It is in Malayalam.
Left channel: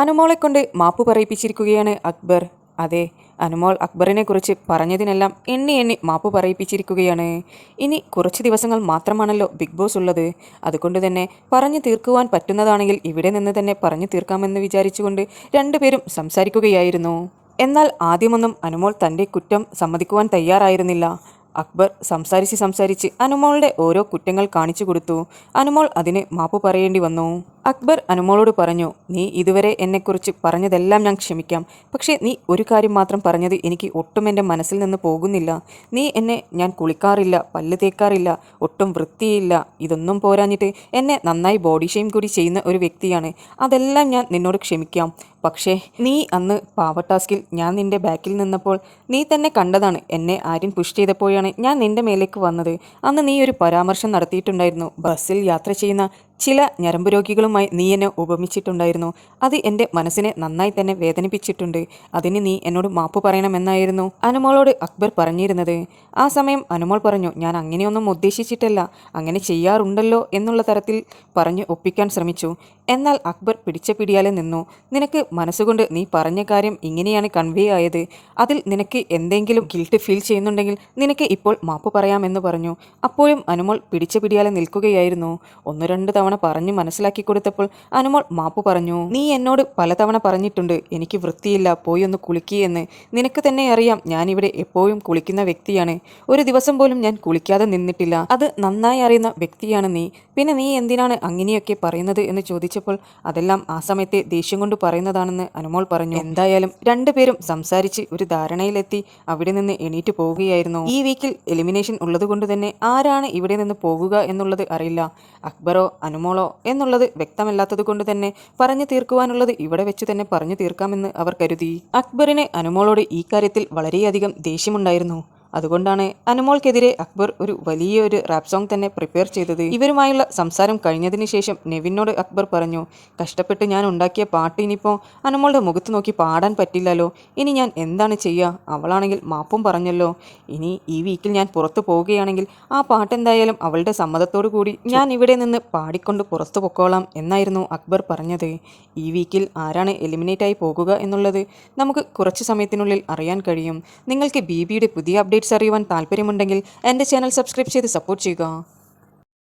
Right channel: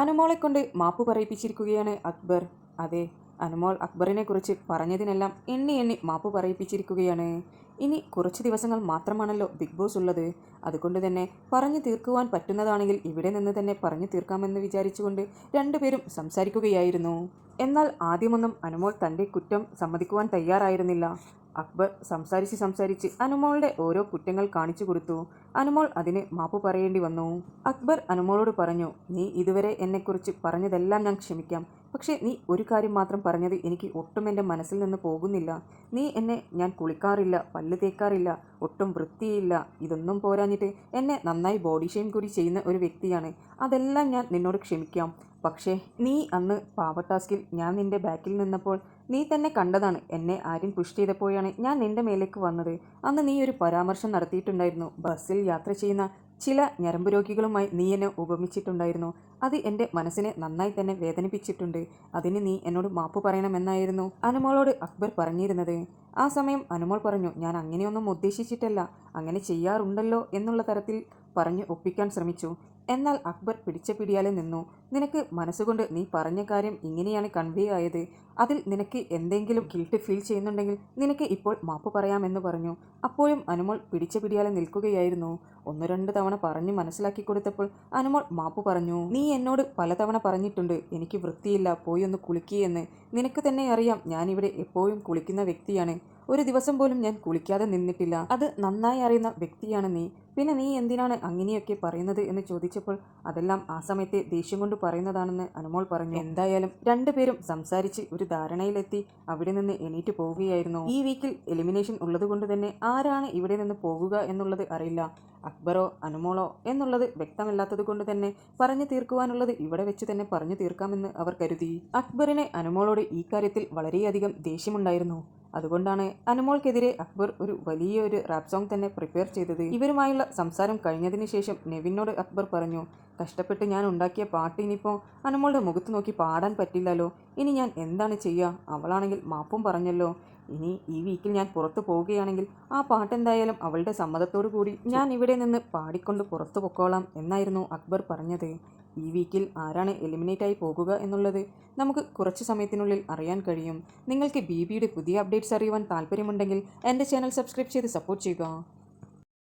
അനുമോളെ കൊണ്ട് മാപ്പ് പറയിപ്പിച്ചിരിക്കുകയാണ് അക്ബർ. അതെ, അനുമോൾ അക്ബറിനെ കുറിച്ച് പറഞ്ഞതിനെല്ലാം എണ്ണി എണ്ണി മാപ്പ് പറയിപ്പിച്ചിരിക്കുകയാണ്. ഇനി കുറച്ച് ദിവസങ്ങൾ മാത്രമാണല്ലോ ബിഗ് ബോസ് ഉള്ളത്. അതുകൊണ്ട് തന്നെ പറഞ്ഞു തീർക്കുവാൻ പറ്റുന്നതാണെങ്കിൽ ഇവിടെ നിന്ന് തന്നെ പറഞ്ഞു തീർക്കാമെന്ന് വിചാരിച്ചുകൊണ്ട് രണ്ടുപേരും സംസാരിക്കുകയായിരുന്നു. എന്നാൽ ആദ്യമൊന്നും അനുമോൾ തൻ്റെ കുറ്റം സമ്മതിക്കുവാൻ തയ്യാറായിരുന്നില്ല. അക്ബർ സംസാരിച്ച് അനുമോളുടെ ഓരോ കുറ്റങ്ങൾ കാണിച്ചു കൊടുത്തു. അനുമോൾ അതിന് മാപ്പ് പറയേണ്ടി വന്നു. അക്ബർ അനുമോളോട് പറഞ്ഞു, നീ ഇതുവരെ എന്നെക്കുറിച്ച് പറഞ്ഞതെല്ലാം ഞാൻ ക്ഷമിക്കാം. പക്ഷേ നീ ഒരു കാര്യം മാത്രം പറഞ്ഞത് എനിക്ക് ഒട്ടും എൻ്റെ മനസ്സിൽ നിന്ന് പോകുന്നില്ല. ഞാൻ കുളിക്കാറില്ല, പല്ല് തേക്കാറില്ല, ഒട്ടും വൃത്തിയില്ല. ഇതൊന്നും പോരാഞ്ഞിട്ട് എന്നെ നന്നായി ബോഡി ഷെയിം കൂടി ചെയ്യുന്ന ഒരു വ്യക്തിയാണ്. അതെല്ലാം ഞാൻ നിന്നോട് ക്ഷമിക്കാം. പക്ഷേ നീ അന്ന് പാവ ടാസ്കിൽ ഞാൻ നിന്റെ ബാക്കിൽ നിന്നപ്പോൾ നീ തന്നെ കണ്ടതാണ്. എന്നെ ആര്യൻ പുഷ് ചെയ്തപ്പോഴാണ് ഞാൻ നിന്റെ മേലേക്ക് വന്നത്. അന്ന് നീ ഒരു പരാമർശം നടത്തിയിട്ടുണ്ടായിരുന്നു. ബസ്സിൽ യാത്ര ചെയ്യുന്ന ചില ഞരമ്പ് രോഗികളുമായി നീ എന്നെ ഉപമിച്ചിട്ടുണ്ടായിരുന്നു. അത് എൻ്റെ മനസ്സിനെ നന്നായി തന്നെ വേദനിപ്പിച്ചിട്ടുണ്ട്. അതിന് നീ എന്നോട് മാപ്പ് പറയണമെന്നായിരുന്നു അനുമോളോട് അക്ബർ പറഞ്ഞിരുന്നത്. ആ സമയം അനുമോൾ പറഞ്ഞു, ഞാൻ അങ്ങനെയൊന്നും ഉദ്ദേശിച്ചിട്ടല്ല, അങ്ങനെ ചെയ്യാറുണ്ടല്ലോ എന്നുള്ള തരത്തിൽ പറഞ്ഞ് ഒപ്പിക്കാൻ ശ്രമിച്ചു. എന്നാൽ അക്ബർ പിടിച്ച പിടിയാലെ നിന്നു. നിനക്ക് മനസ്സുകൊണ്ട് നീ പറഞ്ഞ കാര്യം ഇങ്ങനെയാണ് കൺവേ ആയത്. അതിൽ നിനക്ക് എന്തെങ്കിലും ഗിൽട്ട് ഫീൽ ചെയ്യുന്നുണ്ടെങ്കിൽ നിനക്ക് ഇപ്പോൾ മാപ്പ് പറയാമെന്ന് പറഞ്ഞു. അപ്പോഴും അനുമോൾ പിടിച്ച പിടിയാലെ നിൽക്കുകയായിരുന്നു. ഒന്ന് രണ്ട് തവണ പറഞ്ഞു മനസ്സിലാക്കി കൊടുത്തപ്പോൾ അനുമോൾ മാപ്പ് പറഞ്ഞു. നീ എന്നോട് പലതവണ പറഞ്ഞിട്ടുണ്ട് എനിക്ക് വൃത്തിയില്ല, പോയി ഒന്ന് കുളിക്കുകയെന്ന്. നിനക്ക് തന്നെ അറിയാം ഞാനിവിടെ എപ്പോഴും കുളിക്കുന്ന വ്യക്തിയാണ്. ഒരു ദിവസം പോലും ഞാൻ കുളിക്കാതെ നിന്നിട്ടില്ല. അത് നന്നായി അറിയുന്ന വ്യക്തിയാണ് നീ. പിന്നെ നീ എന്തിനാണ് അങ്ങനെയൊക്കെ പറയുന്നത് എന്ന് ചോദിച്ചപ്പോൾ അതെല്ലാം ആ സമയത്തെ ദേഷ്യം കൊണ്ട് പറയുന്നതാണെന്ന് അനുമോൾ പറഞ്ഞു. എന്തായാലും രണ്ടുപേരും സംസാരിച്ച് ഒരു ധാരണയിലെത്തി അവിടെ നിന്ന് എണീറ്റ് പോവുകയായിരുന്നു. ഈ വീക്കിൽ എലിമിനേഷൻ ഉള്ളതുകൊണ്ട് തന്നെ ആരാണ് ഇവിടെ നിന്ന് പോകുക എന്നുള്ളത് അറിയില്ല. അക്ബറോ അനുമോളോ എന്നുള്ളത് വ്യക്തമല്ലാത്തത് കൊണ്ട് തന്നെ പറഞ്ഞു തീർക്കുവാനുള്ളത് ഇവിടെ വെച്ച് തന്നെ പറഞ്ഞു തീർക്കാമെന്ന് അവർ കരുതി. അക്ബറിന് അനുമോളോട് ഈ കാര്യത്തിൽ വളരെയധികം ദേഷ്യമുണ്ടായിരുന്നു. അതുകൊണ്ടാണ് അനുമോൾക്കെതിരെ അക്ബർ ഒരു വലിയൊരു റാപ്പ് സോങ് തന്നെ പ്രിപ്പയർ ചെയ്തത്. ഇവരുമായുള്ള സംസാരം കഴിഞ്ഞതിന് ശേഷം നെവിനോട് അക്ബർ പറഞ്ഞു, കഷ്ടപ്പെട്ട് ഞാൻ ഉണ്ടാക്കിയ പാട്ട് ഇനിയിപ്പോൾ അനുമോളുടെ മുഖത്ത് നോക്കി പാടാൻ പറ്റില്ലല്ലോ. ഇനി ഞാൻ എന്താണ് ചെയ്യുക? അവളാണെങ്കിൽ മാപ്പും പറഞ്ഞല്ലോ. ഇനി ഈ വീക്കിൽ ഞാൻ പുറത്തു പോവുകയാണെങ്കിൽ ആ പാട്ട് എന്തായാലും അവളുടെ സമ്മതത്തോടു കൂടി ഞാൻ ഇവിടെ നിന്ന് പാടിക്കൊണ്ട് പുറത്തു പൊക്കോളാം എന്നായിരുന്നു അക്ബർ പറഞ്ഞത്. ഈ വീക്കിൽ ആരാണ് എലിമിനേറ്റായി പോകുക എന്നുള്ളത് നമുക്ക് കുറച്ച് സമയത്തിനുള്ളിൽ അറിയാൻ കഴിയും. നിങ്ങൾക്ക് ബിബിയുടെ പുതിയ അപ്ഡേറ്റ്സ് അറിയുവാൻ താല്പര്യമുണ്ടെങ്കിൽ എൻ്റെ ചാനൽ സബ്സ്ക്രൈബ് ചെയ്ത് സപ്പോർട്ട് ചെയ്യുക.